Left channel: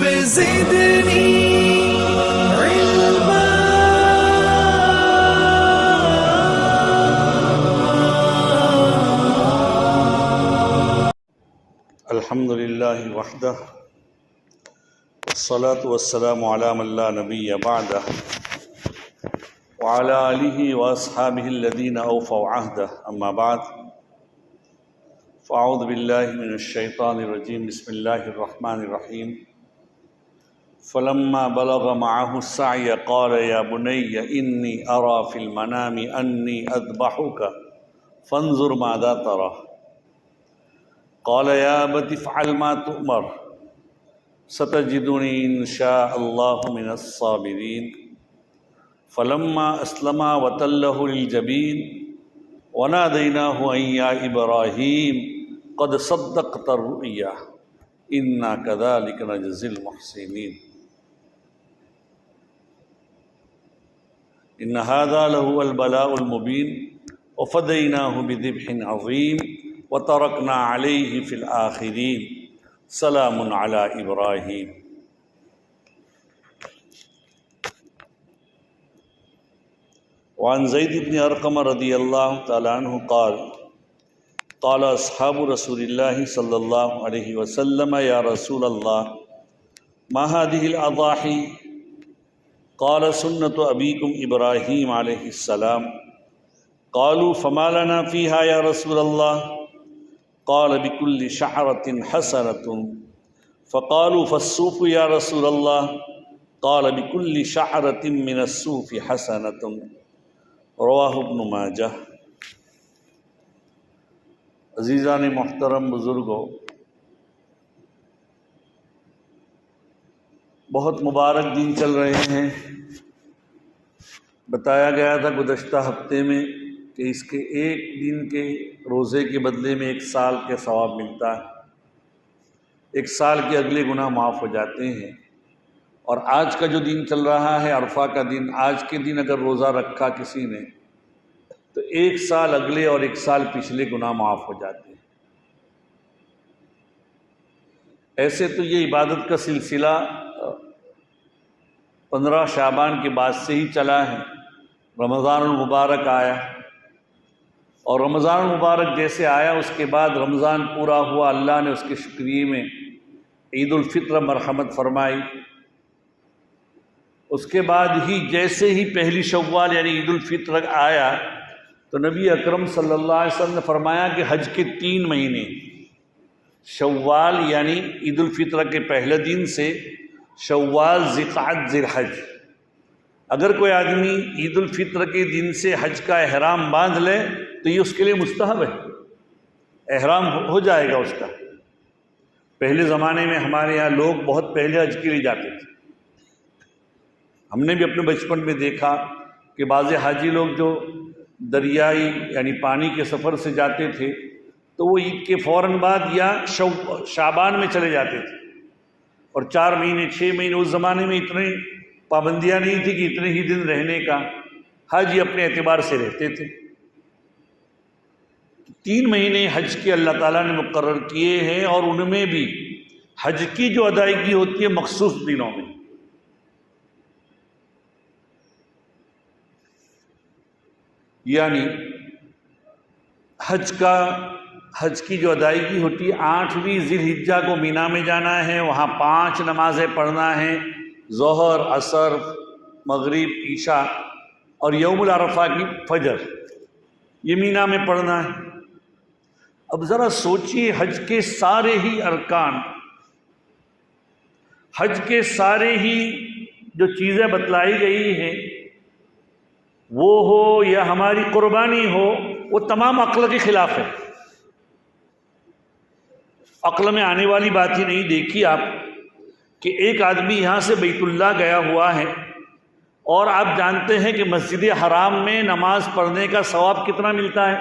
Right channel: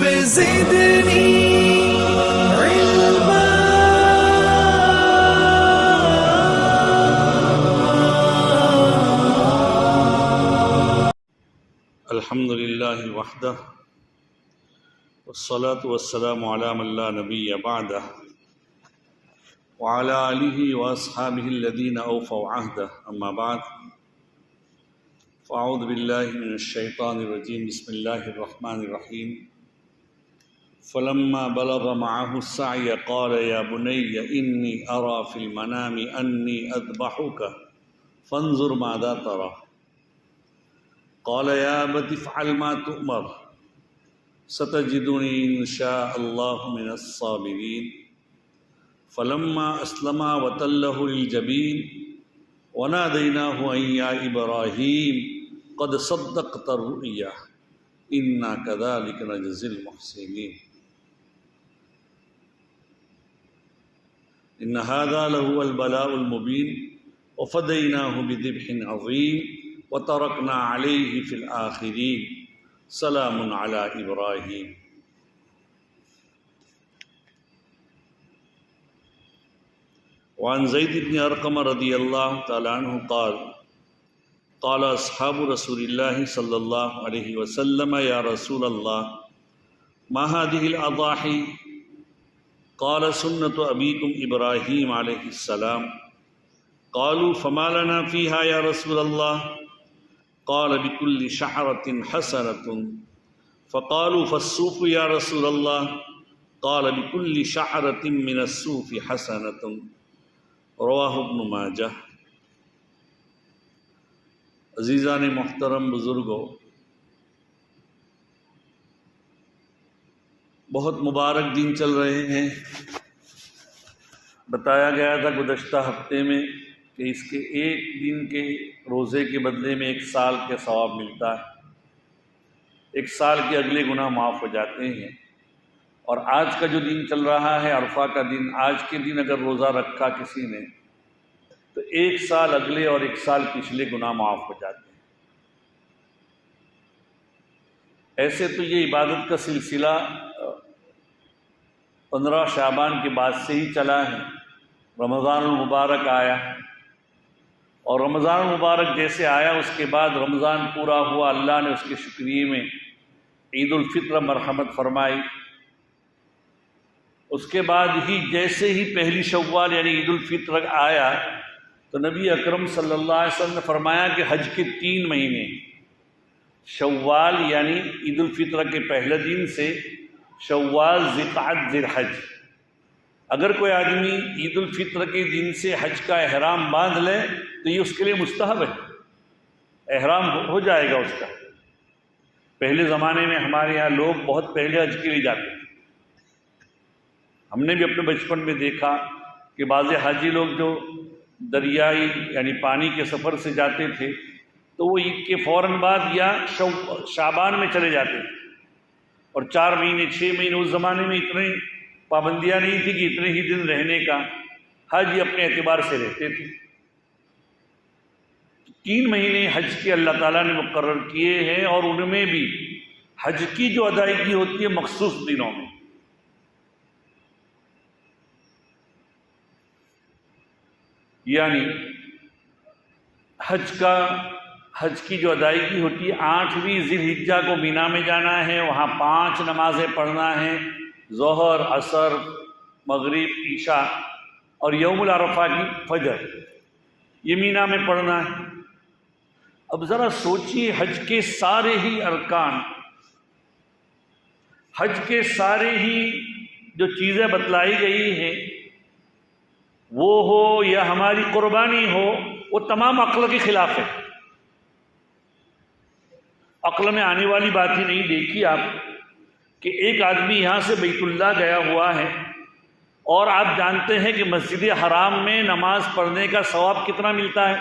رب زدني علما. الحمد لله وحده والصلاة والسلام على من لا نبي بعده وعلى آله وأصحابه الذين أوفوا عهده. أما بعد، فأعوذ بالله من الشيطان الرجيم. بسم الله الرحمن الرحيم. فلما بلغ معه السعي قال يا بني إني أرى في المنام أني أذبحك فانظر ماذا ترى. قال يا أبت افعل ما تؤمر ستجدني إن شاء الله من الصابرين. فلما أسلما وتله للجبين وناديناه أن يا إبراهيم قد صدقت الرؤيا إنا كذلك نجزي المحسنين. إن هذا لهو البلاء المبين وفديناه بذبح عظيم وتركنا عليه في الآخرين سلام على إبراهيم. وعن زید بن ارقم رضی اللہ تعالیٰ عنہ قال قال اصحاب رسول اللہ صلی اللہ علیہ وسلم یا رسول اللہ ما هذه الاضاحی قال سنة ابیکم ابراہیم علیہ السلام. قالوا فما لنا فيها يا رسول الله؟ قال بكل شعرة حسنة. فقالوا فالصوف يا رسول الله؟ قال بكل شعرة من الصوف حسنة. رواہ ابن ماجہ. عزیزان محترم، بزرگوں، بہت مبارک دن چل رہے ہیں. بتایا گیا تھا گزشتہ ہفتے میں کہ اس کے ایک دن کے روزے کے بدلے میں 1 سال کا ثواب ملتا ہے. 1 سال کے اگلے گناہ معاف ہو جاتے ہیں. اور آج کا جو دن چل رہا ہے عرفہ کا دن، آج کے دن اگر روزہ رکھا کسی نے تو 1 سال اگلے اور 1 سال پچھلے گناہ معاف ہو جاتے ہیں. ایسے تو یہ عبادت کا سلسلہ 15 شعبان کے بعد سے ہی چلا ہے. رمضان المبارک آیا اور رمضان المبارک جیسے آیا اس کے بعد رمضان پورا ہوا، اللہ نے اس کے شکریہ میں عید الفطر مرحمت فرمائی. اس کے بعد ہی جیسے ہی پہلی شوال یعنی عید الفطر آیا تو نبی اکرم صلی اللہ علیہ وسلم نے فرمایا کہ حج کے 3 مہینے شوال یعنی عید الفطر کے پہلے دن سے شوال، ذوالقعدہ، ذوالحج، اگر کوئی آدمی عید الفطر کے دن سے حج کا احرام باندھ لے تو یہ اس کے لیے مستحب ہے، احرام ہو جائے گا اس کا. پہلے زمانے میں ہمارے یہاں لوگ بہت پہلے حج کے لیے جاتے تھے. ہم نے بھی اپنے بچپن میں دیکھا کہ بعض حاجی لوگ جو دریائی یعنی پانی کے سفر سے جاتے تھے تو وہ عید کے فوراً بعد یا شعبان میں چلے جاتے تھے. اور 4 مہینے 6 مہینے اس زمانے میں اتنی پابندیاں نہیں تھی کہ اتنے ہی دن رہنے کا، حج اپنے اعتبار سے رہتے تھے. 3 مہینے حج کے اللہ تعالیٰ نے مقرر کیے ہیں اور ان میں بھی حج کی جو ادائیگی ہوتی ہے مخصوص دنوں میں. یعنی حج کی جو ادائیگی ہوتی ہے 8ویں ذی الحجہ کو مینا میں جانا ہے، وہاں 5 نمازیں پڑھنا ہے، ظہر، عصر، مغرب، عشاء اور یوم العرفہ کی فجر، یہ مینا میں پڑھنا ہے. اب ذرا سوچیے، حج کے سارے ہی ارکان، حج کے سارے ہی جو چیزیں بتلائی گئی ہیں وہ ہو یا ہماری قربانی ہو، وہ تمام عقل کے خلاف ہے. عقل میں آنے والی بات ہی نہیں. دیکھیے آپ کہ ایک آدمی یہاں سے بیت اللہ گیا ہوا ہے اور آپ جانتے ہیں کہ مسجد حرام میں نماز پڑھنے کا ثواب کتنا ملتا ہے؟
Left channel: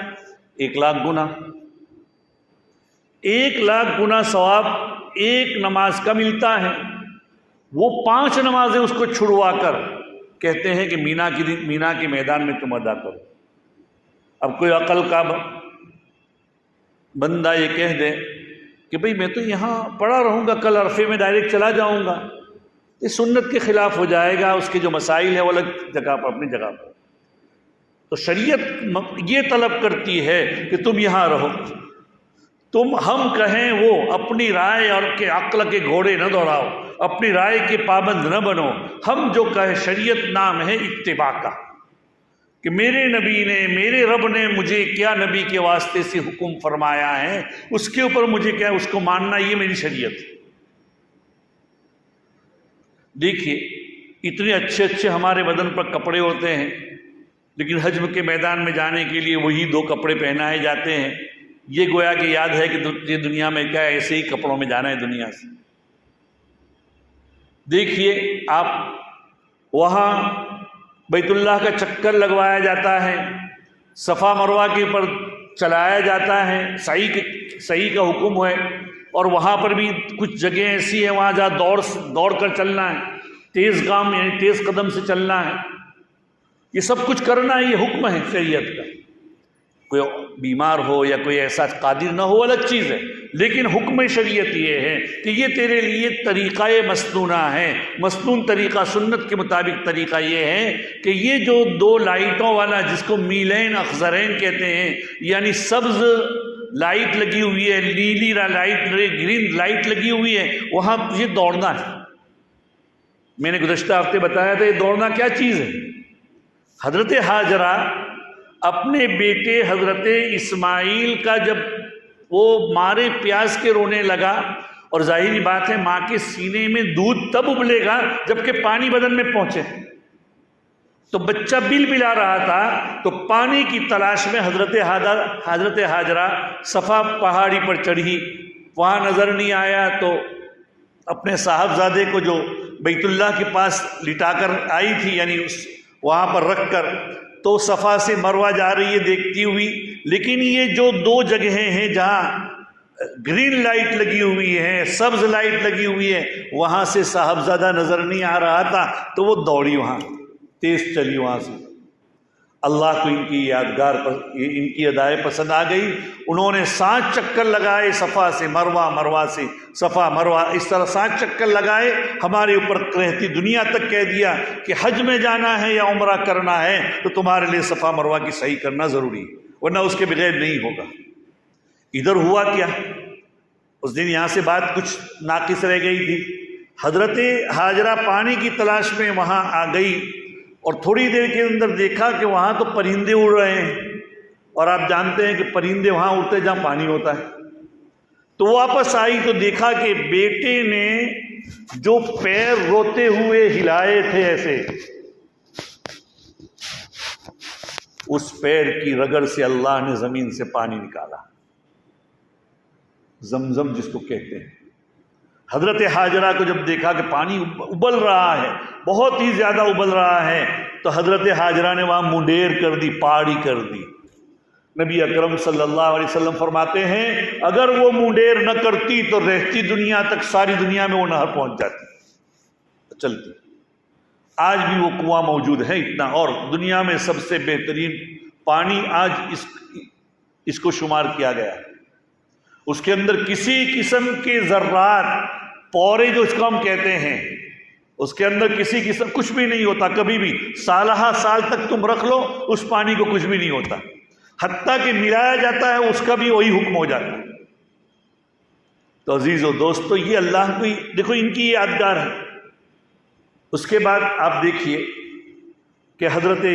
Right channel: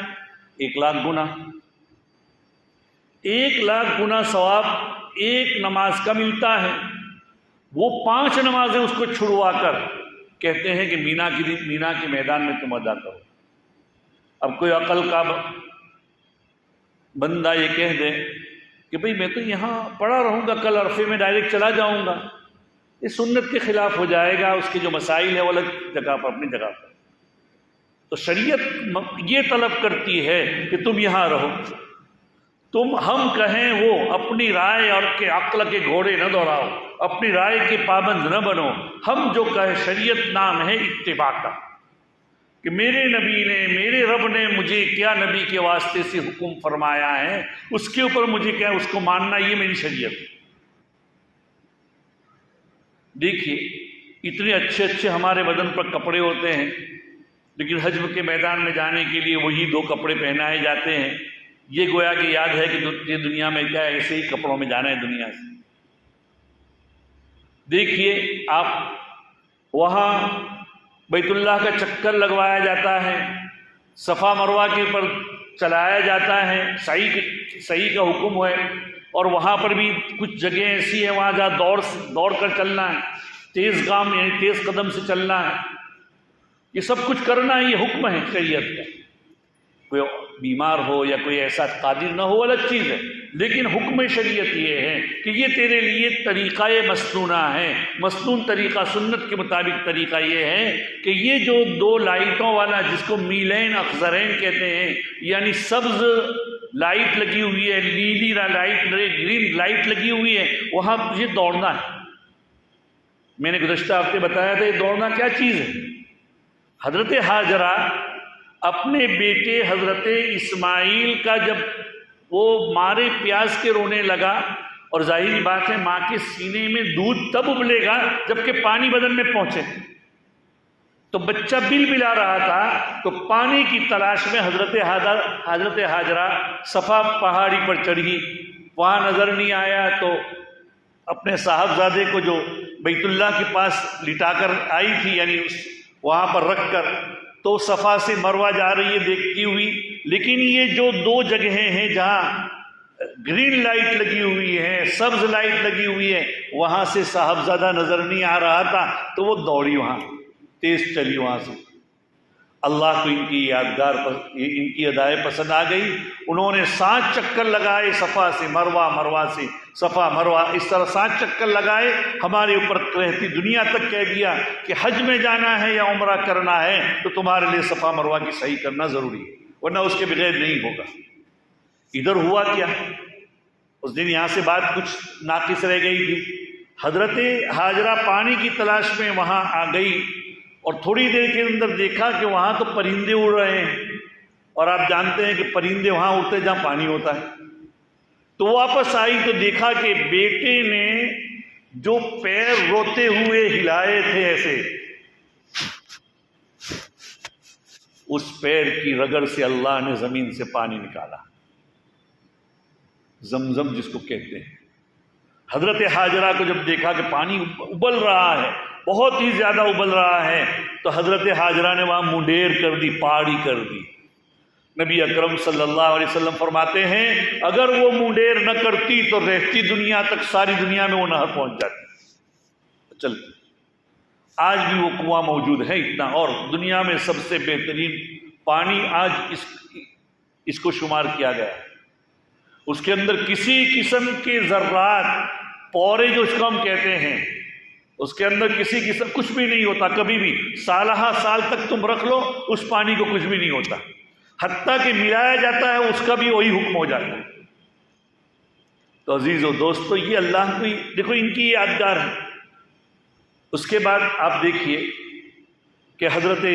1,00,000 گنا. 1,00,000 گنا ثواب ایک نماز کا ملتا ہے. وہ 5 نمازیں اس کو چھڑوا کر کہتے ہیں کہ مینا کے میدان میں تم ادا کرو. اب کوئی عقل کا بندہ یہ کہہ دے کہ بھئی میں تو یہاں پڑا رہوں گا، کل عرفے میں ڈائریکٹ چلا جاؤں گا، یہ سنت کے خلاف ہو جائے گا، اس کے جو مسائل ہیں وہ الگ جگہ پر، اپنی جگہ پر۔ تو شریعت یہ طلب کرتی ہے کہ تم یہاں رہو، تم ہم کہیں وہ اپنی رائے اور کے عقل کے گھوڑے نہ دوڑاؤ، اپنی رائے کے پابند نہ بنو، ہم جو کہیں شریعت نام ہے اتباع کا، کہ میرے نبی نے، میرے رب نے مجھے کیا نبی کے واسطے سے حکم فرمایا ہے، اس کے اوپر مجھے کیا اس کو ماننا، یہ میری شریعت۔ دیکھیے اتنے اچھے اچھے ہمارے بدن پر کپڑے ہوتے ہیں، لیکن حج کے میدان میں جانے کے لیے وہی 2 کپڑے پہنائے جاتے ہیں، یہ گویا کہ یاد ہے کہ دنیا میں کیا ایسے ہی کپڑوں میں جانا ہے دنیا سے۔ دیکھیے آپ وہاں بیت اللہ کا چکر لگوایا جاتا ہے، صفا مروہ کے اوپر چلایا جاتا ہے، صحیح کا حکم ہے، اور وہاں پر بھی کچھ جگہیں ایسی ہیں وہاں جہاں دوڑ کر چلنا ہے، تیز گام یعنی تیز قدم سے چلنا ہے، یہ سب کچھ کرنا، یہ حکم ہے شریعت کا۔ کوئی بیمار ہو یا کوئی ایسا قادر نہ ہو الگ چیز ہے، لیکن حکم شریعت یہ ہے کہ یہ تیرے لیے طریقہ مسنونہ ہے، مسنون طریقہ، سنت کے مطابق طریقہ یہ ہے کہ یہ جو 2 لائٹوں والا جس کو میلین اخضرین کہتے ہیں، یعنی سبز لائٹ لگی ہوئی ہے، نیلی لائٹ، گرین لائٹ لگی ہوئی ہے، وہاں یہ دوڑنا ہے۔ میں نے گزشتہ ہفتے بتایا تھا یہ دوڑنا کیا چیز ہے۔ حضرت ہاجرہ اپنے بیٹے حضرت اسماعیل کا جب وہ مارے پیاس کے رونے لگا، اور ظاہری بات ہے ماں کے سینے میں دودھ تب ابلے گا جبکہ پانی بدن میں پہنچے، تو بچہ بل بلا رہا تھا، تو پانی کی تلاش میں حضرت ہاجرہ صفا پہاڑی پر چڑھی، وہاں نظر نہیں آیا تو اپنے صاحبزادے کو جو بیت اللہ کے پاس لٹا کر آئی تھی، یعنی وہاں پر رکھ کر، تو صفا سے مروہ جا رہی ہے دیکھتی ہوئی، لیکن یہ جو 2 جگہیں ہیں جہاں گرین لائٹ لگی ہوئی ہے، سبز لائٹ لگی ہوئی ہے، وہاں سے صاحبزادہ نظر نہیں آ رہا تھا، تو وہ دوڑی، وہاں تیز چلی وہاں سے۔ اللہ کو ان کی یادگار پر ان کی ادائے پسند آ گئی، انہوں نے 7 چکر لگائے صفا سے مروہ، مروہ سے صفا، مروہ، اس طرح 7 چکر لگائے، ہمارے اوپر رہتی دنیا تک کہہ دیا کہ حج میں جانا ہے یا عمرہ کرنا ہے تو تمہارے لیے صفا مروہ کی صحیح کرنا ضروری ہے، ورنہ اس کے بغیر نہیں ہوگا۔ ادھر ہوا کیا، اس دن یہاں سے بات کچھ ناقص رہ گئی تھی، حضرت ہاجرہ پانی کی تلاش میں وہاں آ گئی، اور تھوڑی دیر کے اندر دیکھا کہ وہاں تو پرندے اڑ رہے ہیں، اور آپ جانتے ہیں کہ پرندے وہاں اڑتے جہاں پانی ہوتا ہے۔ تو واپس آئی تو دیکھا کہ بیٹے نے جو پیر روتے ہوئے ہلائے تھے ایسے، اس پیر کی رگڑ سے اللہ نے زمین سے پانی نکالا، زمزم جس کو کہتے ہیں۔ حضرت ہاجرہ کو جب دیکھا کہ پانی ابل رہا ہے، بہت ہی زیادہ ابل رہا ہے، تو حضرت ہاجرہ نے وہاں منڈیر کر دی، پہاڑی کر دی۔ نبی اکرم صلی اللہ علیہ وسلم فرماتے ہیں اگر وہ منڈیر نہ کرتی تو رہتی دنیا تک ساری دنیا میں وہ نہر پہنچ جاتی، چلتی۔ آج بھی وہ کنواں موجود ہے اتنا، اور دنیا میں سب سے بہترین پانی آج اس کو شمار کیا گیا ہے۔ اس کے اندر کسی قسم کے ذرات، پورے جو اس کو ہم کہتے ہیں، اس کے اندر کسی قسم کچھ بھی نہیں ہوتا، کبھی بھی سالہ سال تک تم رکھ لو اس پانی کو کچھ بھی نہیں ہوتا، حتیٰ کہ ملایا جاتا ہے اس کا بھی وہی حکم ہو جاتا ہے۔ تو عزیز و دوستو، یہ اللہ کی دیکھو ان کی یادگار ہے۔ اس کے بعد آپ دیکھیے کہ حضرت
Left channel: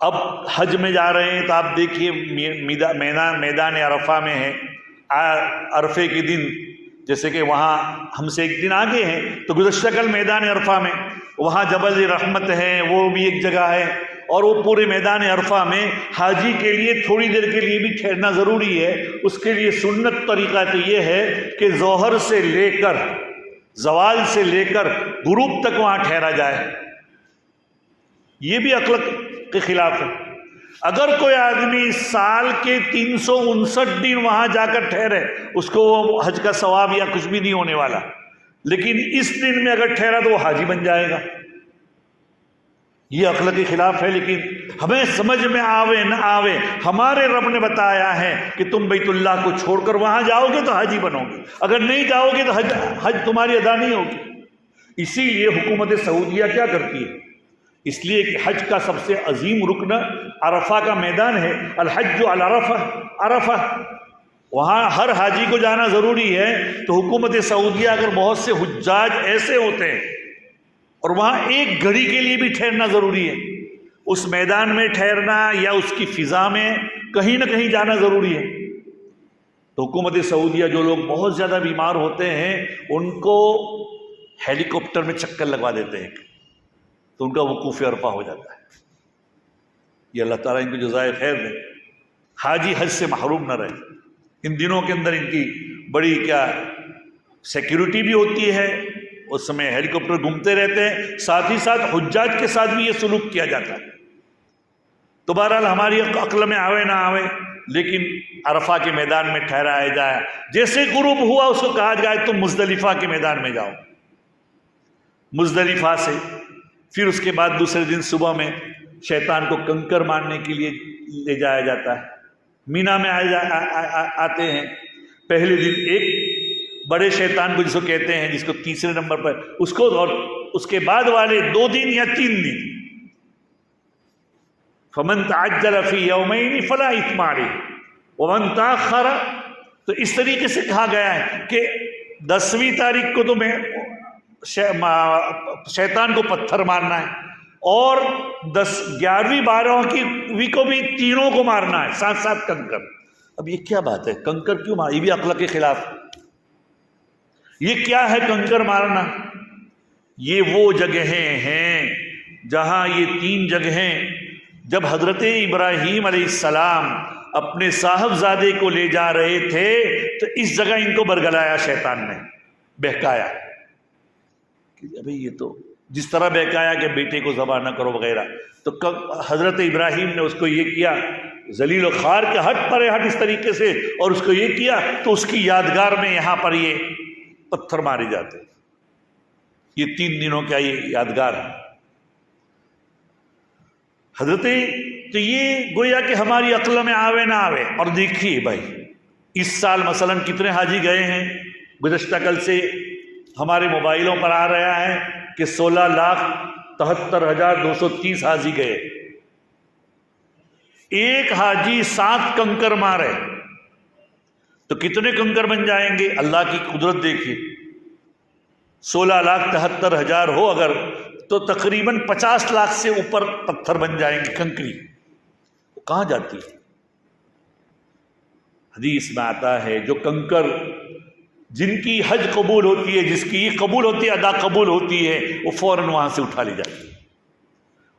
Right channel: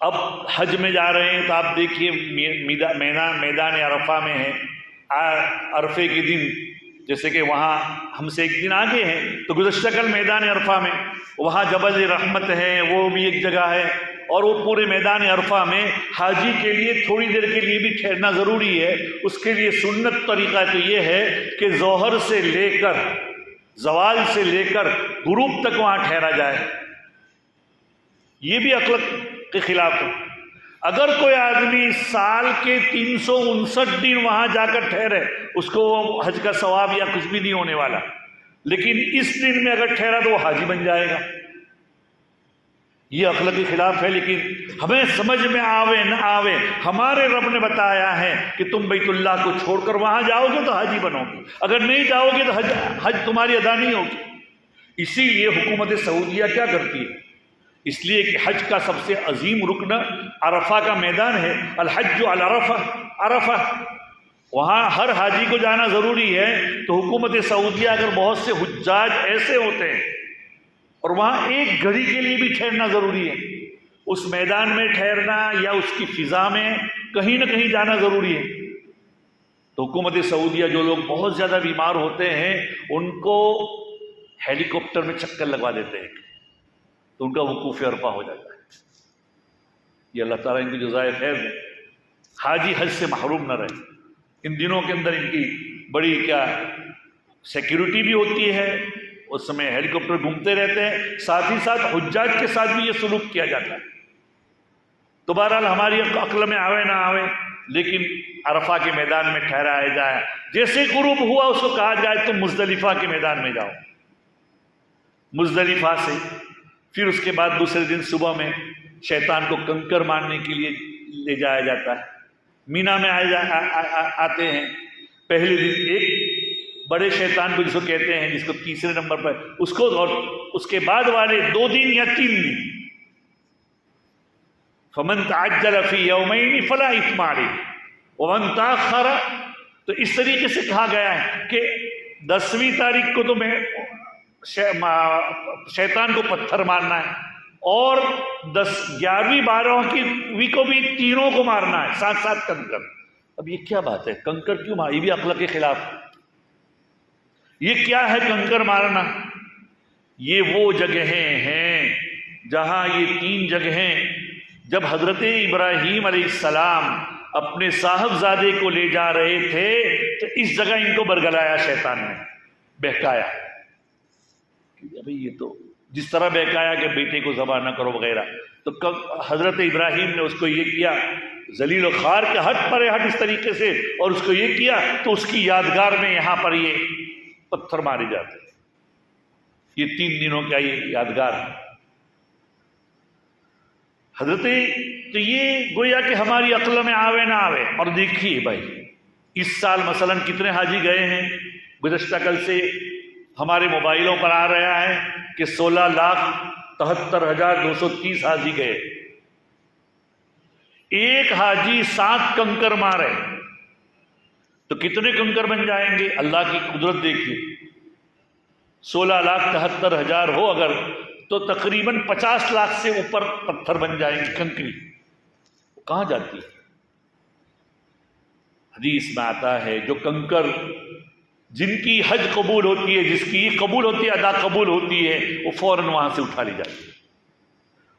اب حج میں جا رہے ہیں تو آپ دیکھیے میدان عرفہ میں ہے، عرفے کے دن، جیسے کہ وہاں ہم سے ایک دن آگے ہیں، تو گزشتہ کل میدان عرفہ میں وہاں جبل رحمت ہے، وہ بھی ایک جگہ ہے، اور وہ پورے میدان عرفہ میں حاجی کے لیے تھوڑی دیر کے لیے بھی ٹھہرنا ضروری ہے۔ اس کے لیے سنت طریقہ تو یہ ہے کہ ظہر سے لے کر زوال سے لے کر غروب تک وہاں ٹھہرا جائے، یہ بھی عقل کے خلاف ہے۔ اگر کوئی آدمی سال کے 359 دن وہاں جا کر ٹھہرے، اس کو وہ حج کا ثواب یا کچھ بھی نہیں ہونے والا، لیکن اس دن میں اگر ٹھہرا تو وہ حاجی بن جائے گا۔ یہ عقل کے خلاف ہے، لیکن ہمیں سمجھ میں آوے نہ آوے ہمارے رب نے بتایا ہے کہ تم بیت اللہ کو چھوڑ کر وہاں جاؤ گے تو حاجی بنو گے، اگر نہیں جاؤ گے تو حج تمہاری ادا نہیں ہوگی۔ اسی لیے حکومت سعودیہ کیا کرتی ہے؟ اس لیے کہ حج کا سب سے عظیم رکن عرفہ کا میدان ہے، الحج علی عرفہ، عرفہ وہاں ہر حاجی کو جانا ضروری ہے۔ تو حکومت سعودیہ اگر بہت سے حجاج ایسے ہوتے ہیں اور وہاں ایک گھڑی کے لیے بھی ٹھہرنا ضروری ہے، اس میدان میں ٹھہرنا یا اس کی فضا میں کہیں نہ کہیں جانا ضروری ہے، تو حکومت سعودیہ جو لوگ بہت زیادہ بیمار ہوتے ہیں ان کو ہیلی کاپٹر میں چکر لگوا دیتے ہیں تو ان کا وقوف عرفہ ہو جاتا ہے۔ یہ اللہ تعالیٰ ان کو جزائے خیر دے، حاجی حج سے محروم نہ رہے۔ ان دنوں کے اندر ان کی بڑی کیا سیکیورٹی بھی ہوتی ہے، اس سمے ہیلی کاپٹر گھومتے رہتے ہیں، ساتھ ہی ساتھ حجاج کے ساتھ بھی یہ سلوک کیا جاتا ہے۔ تو بہرحال ہماری عقل میں آوے نہ آوے، لیکن عرفہ کے میدان میں ٹھہرایا جائے، جیسے غروب ہوا اس کو کہا جائے تم مزدلفہ کے میدان میں جاؤ، مزدلفہ سے پھر اس کے بعد دوسرے دن صبح میں شیطان کو کنکر مارنے کے لیے لے جایا جاتا ہے۔ مینا میں آتے ہیں، پہلے دن ایک بڑے شیطان کو جس کو کہتے ہیں، جس کو تیسرے نمبر پر اس کو، اور اس کے بعد والے 2 دن یا 3 دن، فمن تعجل فی یومین فلا اثم علیہ ومن تاخر، تو اس طریقے سے کہا گیا ہے کہ 10ویں تاریخ کو تمہیں شیطان کو پتھر مارنا ہے، اور 11ویں 12ویں کو بھی تینوں کو مارنا ہے، ساتھ ساتھ کنکر۔ اب یہ کیا بات ہے، کنکر کیوں مار؟ یہ بھی عقل کے خلاف ہے۔ یہ کیا ہے کنکر مارنا؟ یہ وہ جگہیں ہیں جہاں یہ 3 جگہیں جب حضرت ابراہیم علیہ السلام اپنے صاحبزادے کو لے جا رہے تھے تو اس جگہ ان کو برگلایا، شیطان نے بہکایا، ابھی یہ تو جس طرح بہکایا کہ بیٹے کو ذبح نہ کرو وغیرہ، تو حضرت ابراہیم نے اس کو یہ کیا، ذلیل و خوار کے ہٹ پر ہٹ اس طریقے سے، اور اس کو یہ کیا تو اس کی یادگار میں یہاں پر یہ پتھر مارے جاتے۔ یہ 3 دنوں کا یہ یادگار ہے حضرت، تو یہ گویا کہ ہماری عقل میں آوے نہ آوے۔ اور دیکھیے بھائی، اس سال مثلا کتنے حاجی گئے ہیں؟ گزشتہ کل سے ہمارے موبائلوں پر آ رہا ہے کہ 16,73,230 حاجی گئے۔ ایک حاجی 7 کنکر مارے تو کتنے کنکر بن جائیں گے؟ اللہ کی قدرت دیکھیے، 16,73,000 ہو اگر تو تقریباً 50 لاکھ سے اوپر پتھر بن جائیں گے، کنکری کہاں جاتی ہے؟ حدیث میں آتا ہے جو کنکر جن کی حج قبول ہوتی ہے، جس کی یہ قبول ہوتی ہے، ادا قبول ہوتی ہے، وہ فوراً وہاں سے اٹھا لی جاتی ہے۔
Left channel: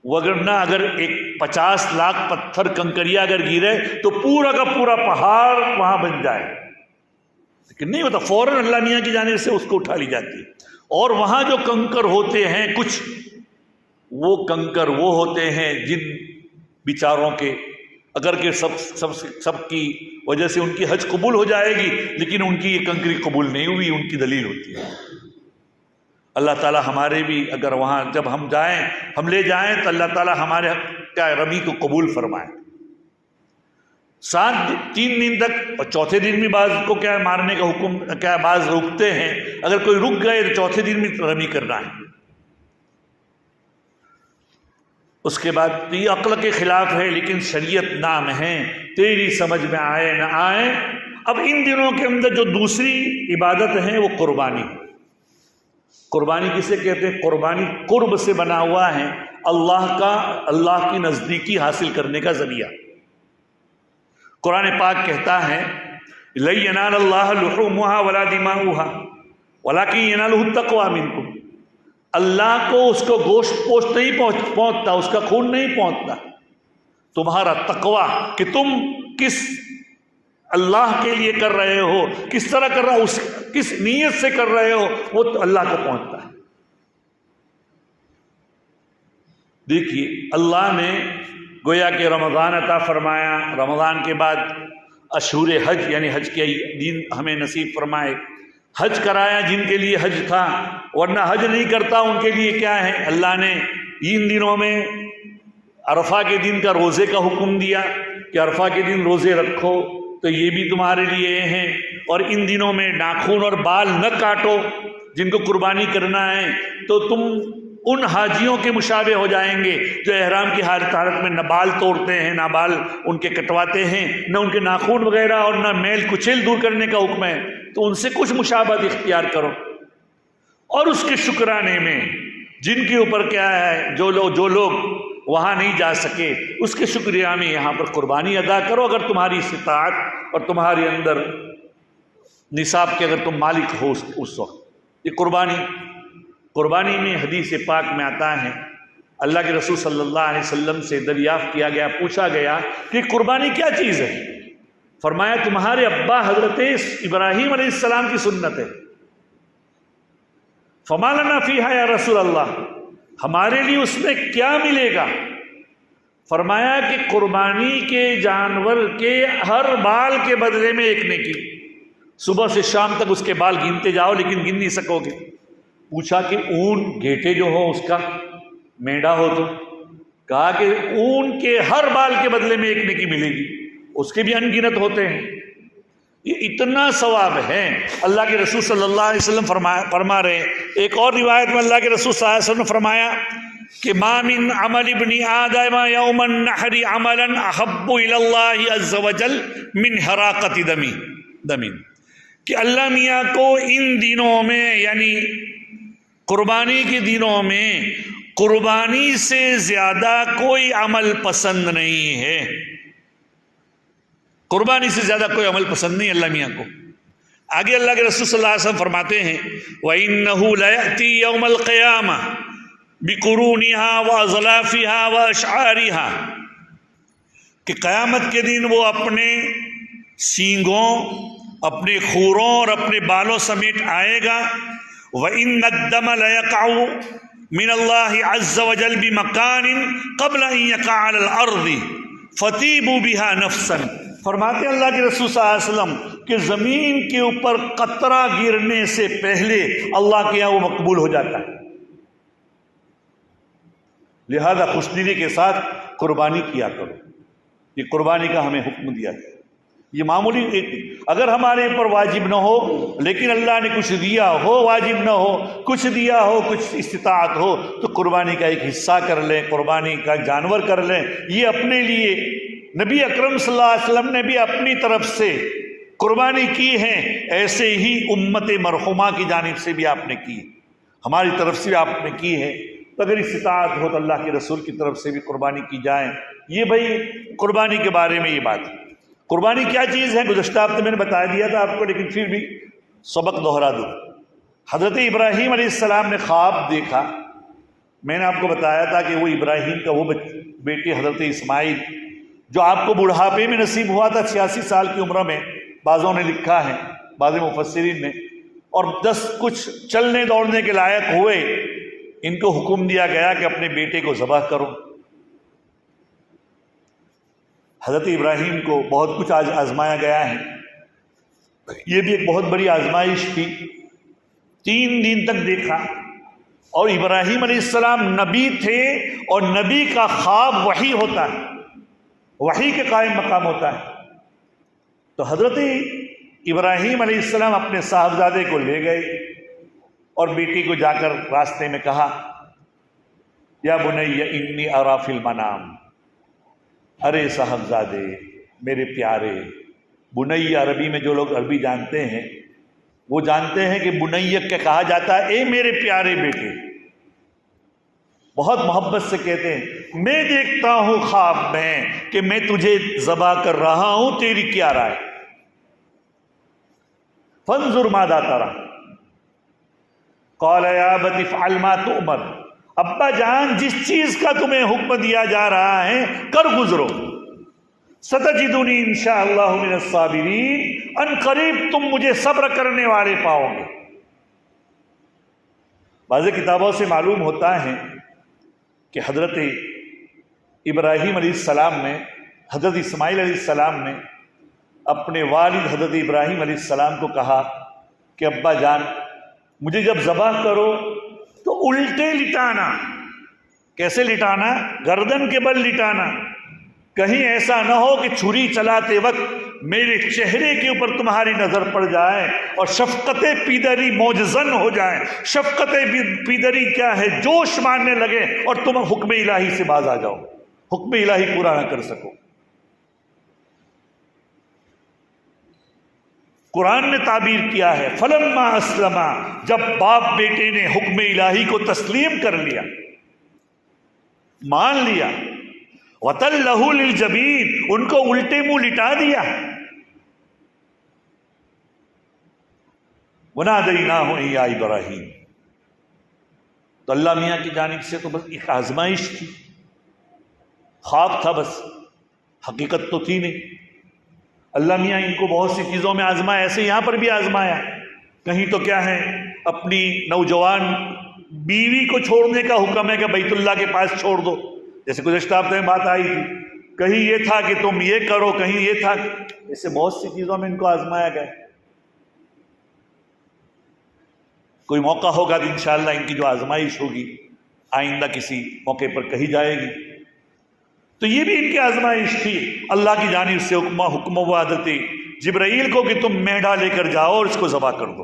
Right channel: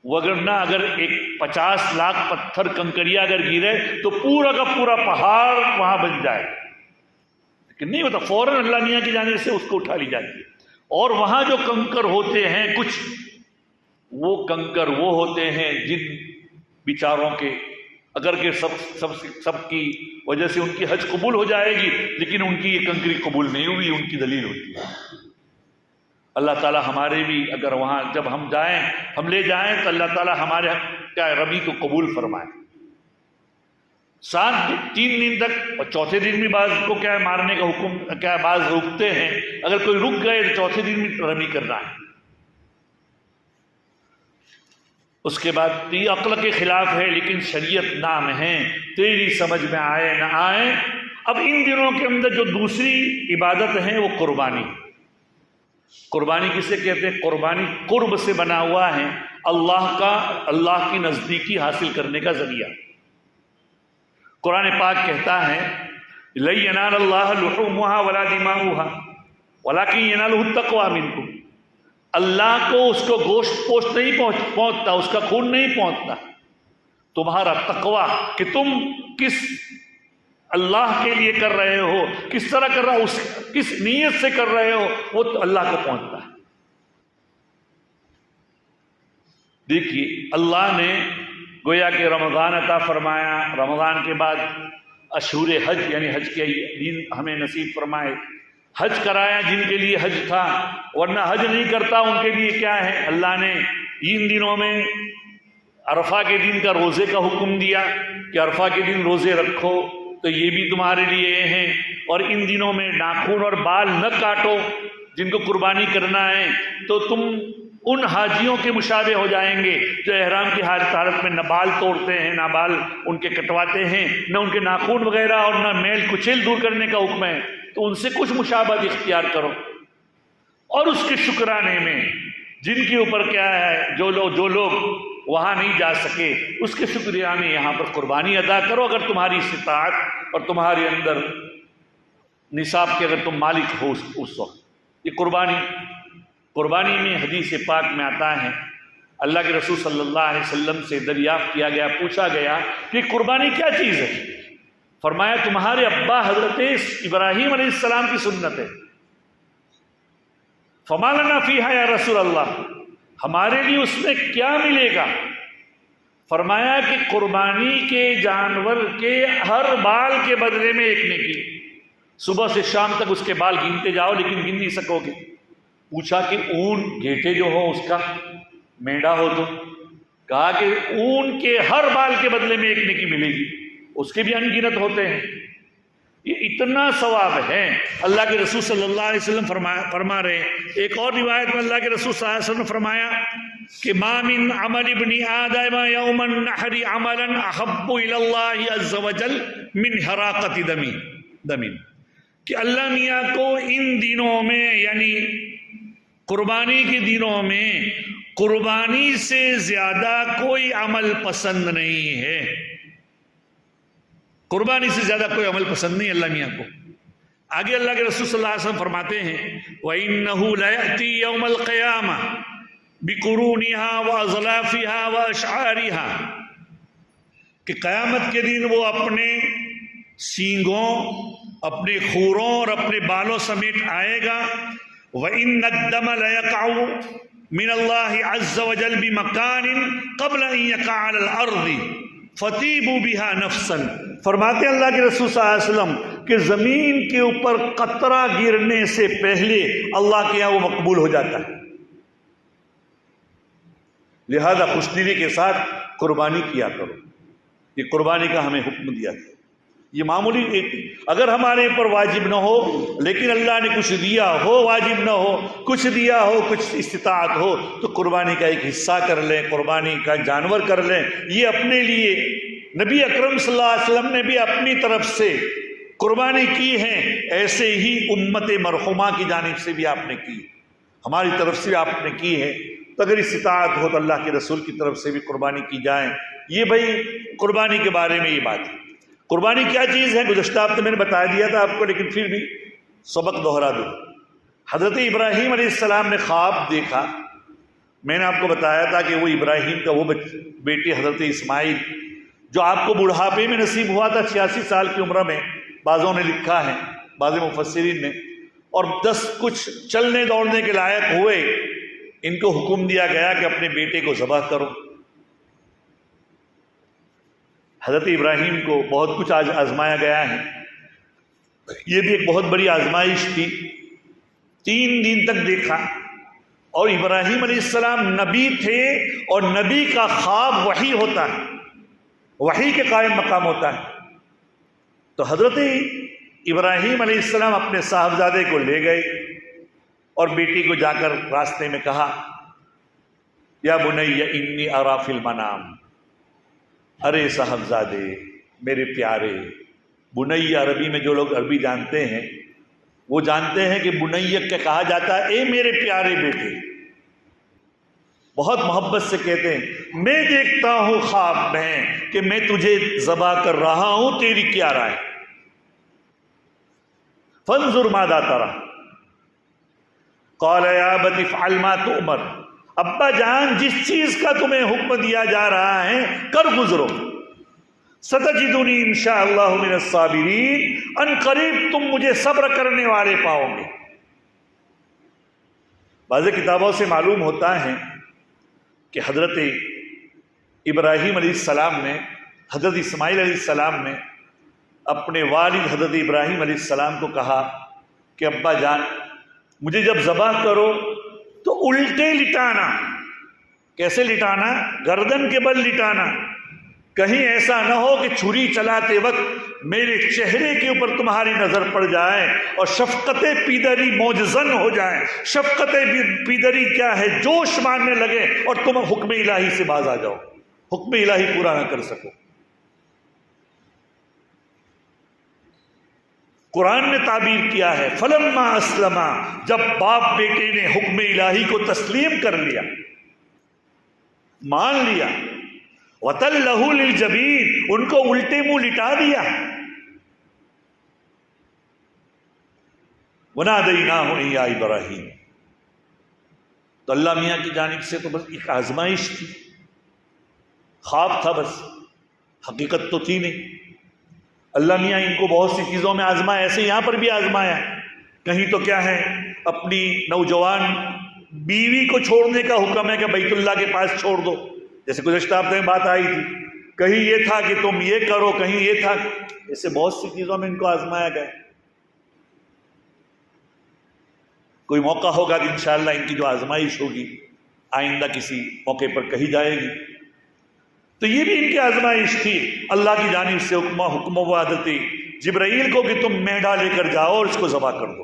وگرنہ اگر ایک 50 لاکھ پتھر کنکریا اگر گرے تو پورا کا پورا پہاڑ وہاں بن جائے، لیکن نہیں ہوتا، فوراً اللہ میاں کی جانب سے اس کو اٹھا لی جاتی ہے۔ اور وہاں جو کنکر ہوتے ہیں کچھ، وہ کنکر وہ ہوتے ہیں جن بیچاروں کے اگر کہ سب کی وجہ سے ان کی حج قبول ہو جائے گی، لیکن ان کی یہ کنکری قبول نہیں ہوئی، ان کی دلیل ہوتی ہے۔ اللہ تعالیٰ ہمارے بھی اگر وہاں جب ہم جائیں، ہم لے جائیں تو اللہ تعالیٰ ہمارے کیا رمی کو قبول فرمائے۔ 3 دن تک، اور چوتھے دن بھی بعض کو کیا مارنے کا حکم کیا بعض روکتے ہیں، اگر کوئی رک گئے تو چوتھے دن بھی رمی کرنا ہے۔ اس کے بعد یہ عقل کے خلاف ہے، لیکن شریعت نام ہے، تیری سمجھ میں آئے نہ آئے۔ اب ان دنوں کے اندر جو دوسری عبادت ہے وہ قربانی۔ قربانی کسے کہتے ہیں؟ قربانی قرب سے بنا ہوا ہے، اللہ کی نزدیکی حاصل کرنے کا ذریعہ۔ قرآن پاک کہتا ہے لَن يَنَالَ اللَّهَ لُحُومُهَا وَلَا دِمَاؤُهَا وَلَكِن يَنَالُهُ التَّقْوَىٰ مِنكُمْ۔ اللہ کو اس کو گوشت پوشت نہیں پہنچتا، اس کا خون نہیں پہنچتا، تمہارا تقویٰ کہ تم کس اللہ کے لیے کر رہے ہو، کس طرح کر رہا ہو، کس نیت سے کر رہے ہو، وہ تو اللہ کو پہنچتا ہے۔ دیکھیے اللہ نے گویا کہ رمضان عطا فرمایا، رمضان کے بعد اشہور حج یعنی حج کے دن ہمیں نصیب فرمائے، حج کرایا جن کے لیے حج تھا، ورنہ حج نہیں کرتا ان کے لیے کیا ہے؟ اللہ نے ان دنوں میں عرفہ کے دن کا روزے کا حکم دیا کہ عرفہ کے دن روزے رکھو، تو یہ بھی تمہارے لیے ہیں۔ اور ان دنوں میں ناخن اور بال نہ کاٹو، جن کو قربانی کرنا ہے تو تم ان حاجیوں کے مشابہ ہو جائیں گے جو احرام کی حالت میں نہ بال توڑتے ہیں، نہ بال ان کے کٹواتے ہیں، نہ ان کے ناخن وغیرہ اور نہ میل کچیل دور کرنے کا حکم ہے، تو ان سے کچھ مشابہت اختیار کرو۔ اور اس کے شکرانے میں جن کے اوپر کیا ہے، جو لوگ وہاں نہیں جا سکے، اس کے شکریہ میں یہاں پر قربانی ادا کرو اگر تمہاری استطاعت اور تمہارے اندر نصاب کے اگر تم مالک ہو اس وقت۔ یہ قربانی میں حدیث پاک میں آتا ہے، اللہ کے رسول صلی اللہ علیہ وسلم سے دریافت کیا گیا، پوچھا گیا کہ قربانی کیا چیز ہے؟ فرمایا تمہارے ابا حضرت ابراہیم علیہ السلام کی سنت ہے۔ فما لنا فیہا یا رسول اللہ، ہمارے لیے اس میں کیا ملے گا؟ فرمایا کہ قربانی کے جانور کے ہر بال کے بدلے میں ایک نیکی۔ صبح سے شام تک اس کے بال گنتے جاؤ لیکن گن نہیں سکو گے۔ پوچھا کہ اون گھیٹے جو ہو اس کا، مینڈا ہو تو؟ کہا کہ اون کے ہر بال کے بدلے میں ایک نیکی ملے گی، اس کے بھی انگنت ہوتے ہیں۔ یہ اتنا ثواب ہے۔ اللہ کے رسول صلی اللہ علیہ وسلم فرما رہے ہیں، ایک اور روایت میں اللہ کے رسول صلی اللہ علیہ وسلم نے فرمایا کہ ما من عمل ابن آدم یوم النحر عملا احب الی اللہ عز وجل من حراقۃ دم، کہ اللہ میاں کو ان دنوں میں یعنی قربانی کے دنوں میں قربانی سے زیادہ کوئی عمل پسند نہیں ہے۔ قربانی سے زیادہ کوئی عمل پسند نہیں اللہ میاں کو۔ آگے اللہ کے رسول صلی اللہ علیہ وسلم فرماتے ہیں وَإِنَّهُ لَيَأْتِي يَوْمَ الْقِيَامَةِ بِقُرُونِهَا وَأَظْلَافِهَا وَأَشْعَارِهَا، کہ قیامت کے دن وہ اپنے سینگوں، اپنے خوروں اور اپنے بالوں سمیت آئے گا۔ وَإِنَّ الدَّمَ لَيَقَعُ مِنَ اللَّهِ عَزَّ وَجَلَّ بِمَكَانٍ قَبْلَ أَن يَقَعَ عَلَى الْأَرْضِ فَطِيبُوا بِهَا نَفْسًا۔ فرماتے ہیں اللہ کے رسول صلی اللہ علیہ وسلم کہ زمین کے اوپر قطرہ گرنے سے پہلے اللہ کے یہاں وہ مقبول ہو جاتا ہے، لہذا خوشدلی کے ساتھ قربانی کیا کرو۔ یہ قربانی کا ہمیں حکم دیا ہے۔ یہ معمولی اگر ہمارے اوپر واجب نہ ہو لیکن اللہ نے کچھ دیا ہو، واجب نہ ہو، کچھ دیا ہو، کچھ استطاعت ہو، تو قربانی کا ایک حصہ کر لیں، قربانی کا جانور کر لیں۔ یہ اپنے لیے نبی اکرم صلی اللہ علیہ وسلم نے بھی اپنی طرف سے قربانی کی ہے، ایسے ہی امت مرحومہ کی جانب سے بھی آپ نے کی، ہماری طرف سے آپ نے کی ہے۔ تو اگر استطاعت ہو تو اللہ کے رسول کی طرف سے بھی قربانی کی جائے۔ یہ بھائی قربانی کے بارے میں یہ بات ہے۔ قربانی کیا چیز ہے گزشتہ ہفتے میں نے بتا دیا تھا آپ کو، لیکن پھر بھی سبق دوہرا دوں۔ حضرت ابراہیم علیہ السلام نے خواب دیکھا، میں نے آپ کو بتایا تھا کہ وہ ابراہیم کا وہ بیٹے حضرت اسماعیل جو آپ کو بڑھاپے میں نصیب ہوا تھا 86 سال کی عمر میں، بعضوں نے لکھا ہے، بعض مفسرین نے، اور 10 کچھ چلنے دوڑنے کے لائق ہوئے، ان کو حکم دیا گیا کہ اپنے بیٹے کو ذبح کرو۔ حضرت ابراہیم کو بہت کچھ آج آزمایا گیا ہے، یہ بھی ایک بہت بڑی آزمائش تھی۔ 3 دن تک دیکھا، اور ابراہیم علیہ السلام نبی تھے، اور نبی کا خواب وحی ہوتا ہے، وحی کے قائم مقام ہوتا ہے۔ تو حضرت ابراہیم علیہ السلام اپنے صاحبزادے کو لے گئے اور بیٹی کو جا کر راستے میں کہا یا بنی انی اری فی المنام، ارے صاحبزادے میرے پیارے۔ بنی عربی میں جو لوگ عربی جانتے ہیں وہ جانتے ہیں کہ بنی کے کہا جاتا ہے اے میرے پیارے بیٹے، بہت محبت سے کہتے ہیں میں دیکھتا ہوں خواب میں کہ میں تجھے ذبح کر رہا ہوں، تیری کیا رائے؟ فانظر ماذا ترى قال یا ابت افعل ما تؤمر، ابا جان جس چیز کا تمہیں حکم دیا جا رہا ہے کر گزرو، ستجدنی انشاءاللہ من الصابرین، ان قریب تم مجھے صبر کرنے والے پاؤ گے۔ بعض کتابوں سے معلوم ہوتا ہے کہ حضرت ابراہیم علیہ السلام نے، حضرت اسماعیل علیہ السلام نے اپنے والد حضرت ابراہیم علیہ السلام کو کہا کہ ابا جان مجھے جب ذبح کرو تو الٹے لٹانا، کیسے لٹانا؟ گردن کے بل لٹانا، کہیں ایسا نہ ہو کہ چھری چلاتے وقت میرے چہرے کے اوپر تمہاری نظر پڑ جائے اور شفقت پیدری موجزن ہو جائے. شفقت پیدری کیا ہے؟ جوش مارنے لگے اور تم حکم الہی سے باز آ جاؤ، حکم الہی پورا نہ کر سکو. قرآن نے تعبیر کیا ہے فلما اسلما، جب باپ بیٹے نے حکم الہی کو تسلیم کر لیا، مان لیا، وَتَلَّهُ لِلْجَبِينِ، ان کو الٹے منہ لٹا دیا. وَنَادَيْنَاهُ يَا إِبْرَاهِيمُ، تو اللہ میاں کی جانب سے تو بس ایک آزمائش تھی، خواب تھا، بس حقیقت تو تھی نہیں. اللہ میاں ان کو بہت سی چیزوں میں آزمایا، ایسے یہاں پر بھی آزمایا. کہیں تو کیا ہے، اپنی نوجوان بیوی کو چھوڑنے کا حکم ہے کہ بیت اللہ کے پاس چھوڑ دو، جیسے گزشتہ ہفتے میں بات آئی تھی. کہیں یہ تھا کہ تم یہ کرو، کہیں یہ تھا، ایسے بہت سی چیزوں میں ان کو آزمایا گیا. کوئی موقع ہوگا کہ انشاءاللہ ان کی جو آزمائش ہوگی آئندہ کسی موقع پر کہی جائے گی. تو یہ بھی ان کی آزمائش تھی. اللہ کی جانب سے حکم و عادت جبرائیل کو کہ تم میڈا لے کر جاؤ اور اس کو ذبح کر دو.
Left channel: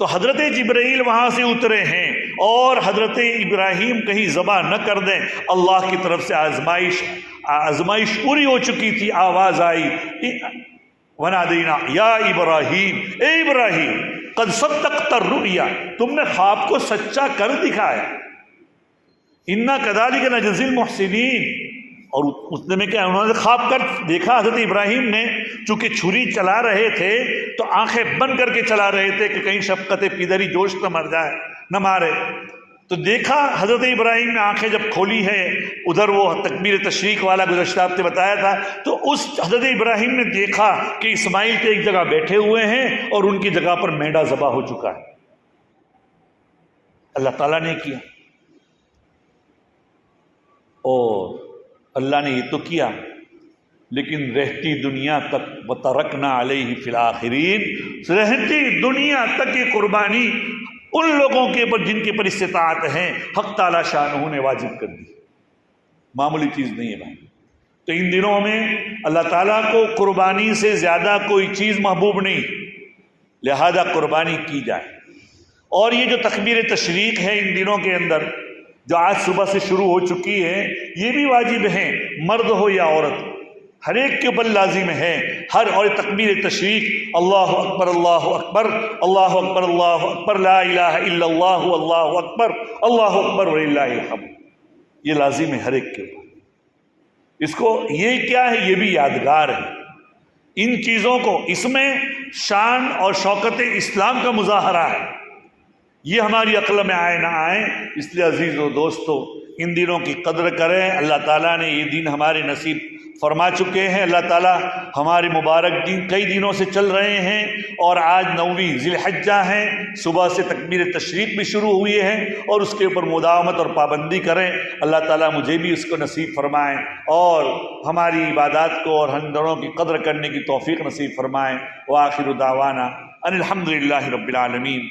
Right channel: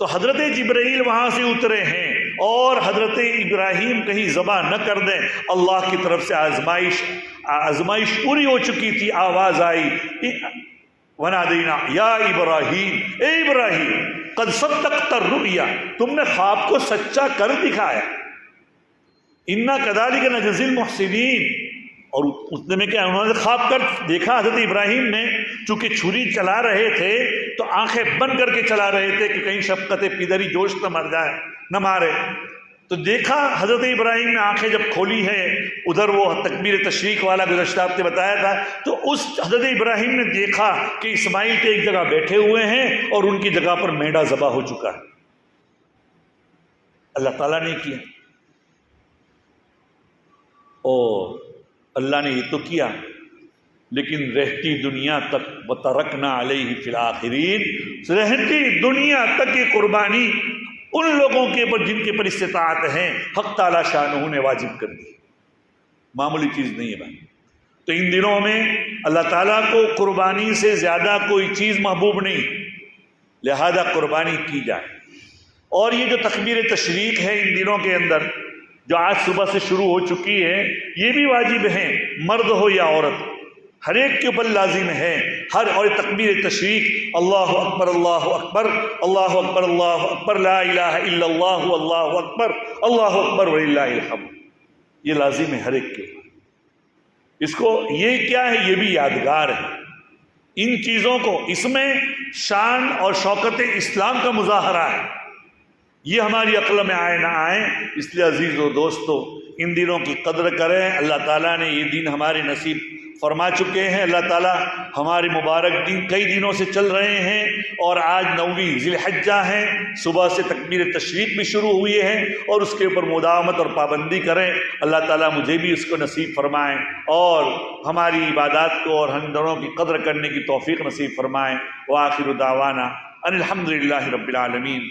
تو حضرت جبرائیل وہاں سے اترے ہیں اور حضرت ابراہیم کہیں ذبح نہ کر دیں. اللہ کی طرف سے آزمائش پوری ہو چکی تھی. آواز آئی وَنَادَيْنَا يَا إِبْرَاهِيمُ، اے ابراہیم قد صدقت الرؤیا، تم نے خواب کو سچا کر دکھایا. اِنَّا كَذَلِكَ نَجْزِي الْمُحْسِنِينَ. اور اتنے میں کیا انہوں نے خواب کر دیکھا، حضرت ابراہیم نے چونکہ چھری چلا رہے تھے تو آنکھیں بند کر کے چلا رہے تھے کہ کہیں شفقت پیدری جوش نہ مر جائے، نہ مارے. تو دیکھا حضرت ابراہیم نے آنکھیں جب کھولی ہے، ادھر وہ تکبیر تشریق والا گزشتہ ہفتے بتایا تھا، تو اس حضرت ابراہیم نے دیکھا کہ اسماعیل کے ایک جگہ بیٹھے ہوئے ہیں اور ان کی جگہ پر میڈا ذبح ہو چکا ہے. اللہ تعالیٰ نے کیا، اور اللہ نے یہ تو کیا، لیکن رہتی دنیا تک وَتَرَكْنَا عَلَيْهِ فِي الْآخِرِينَ، رہتی دنیا تک یہ قربانی ان لوگوں کے پر جن کے پر استطاعت ہیں حق تعالیٰ شانہ نے واجب کر دی. معمولی چیز نہیں ہے بھائی. تو ان دنوں میں اللہ تعالیٰ کو قربانی سے زیادہ کوئی چیز محبوب نہیں، لہذا قربانی کی جائے. اور یہ جو تکبیر تشریق ہے ان دنوں کے اندر جو آج صبح سے شروع ہو چکی ہے، یہ بھی واجب ہے، مرد ہو یا عورت، ہر ایک کے اوپر لازم ہے. ہر اور تکبیر تشریق اللہ اکبر اللہ اکبر اللہ اکبر اللہ اکبر لا الہ الا اللہ اللہ اکبر اللہ اکبر وللہ الحمد، یہ لازم ہے ہر ایک کے. اس کو یہ کیا ہے، یہ بھی یادگار ہے. ان چیزوں کو، اس میں شان اور شوکت اسلام کا مظاہرہ ہے. یہ ہماری عقل میں آئے نہ آئے، اس لیے عزیز و دوستو ان دنوں کی قدر کریں. اللہ تعالیٰ نے یہ دن ہمارے نصیب فرما چکے ہیں. اللہ تعالیٰ ہمارے مبارک دن کئی دنوں سے چل رہے ہیں، اور آج 9ویں ذی الحجہ ہے. صبح سے تکبیر تشریق بھی شروع ہوئی ہے، اور اس کے اوپر مداومت اور پابندی کریں. اللہ تعالیٰ مجھے بھی اس کو نصیب فرمائیں اور ہماری عبادات کو اور ہم دنوں کی قدر کرنے کی توفیق نصیب فرمائیں. وآخر دعوانا ان الحمد للہ رب العالمین.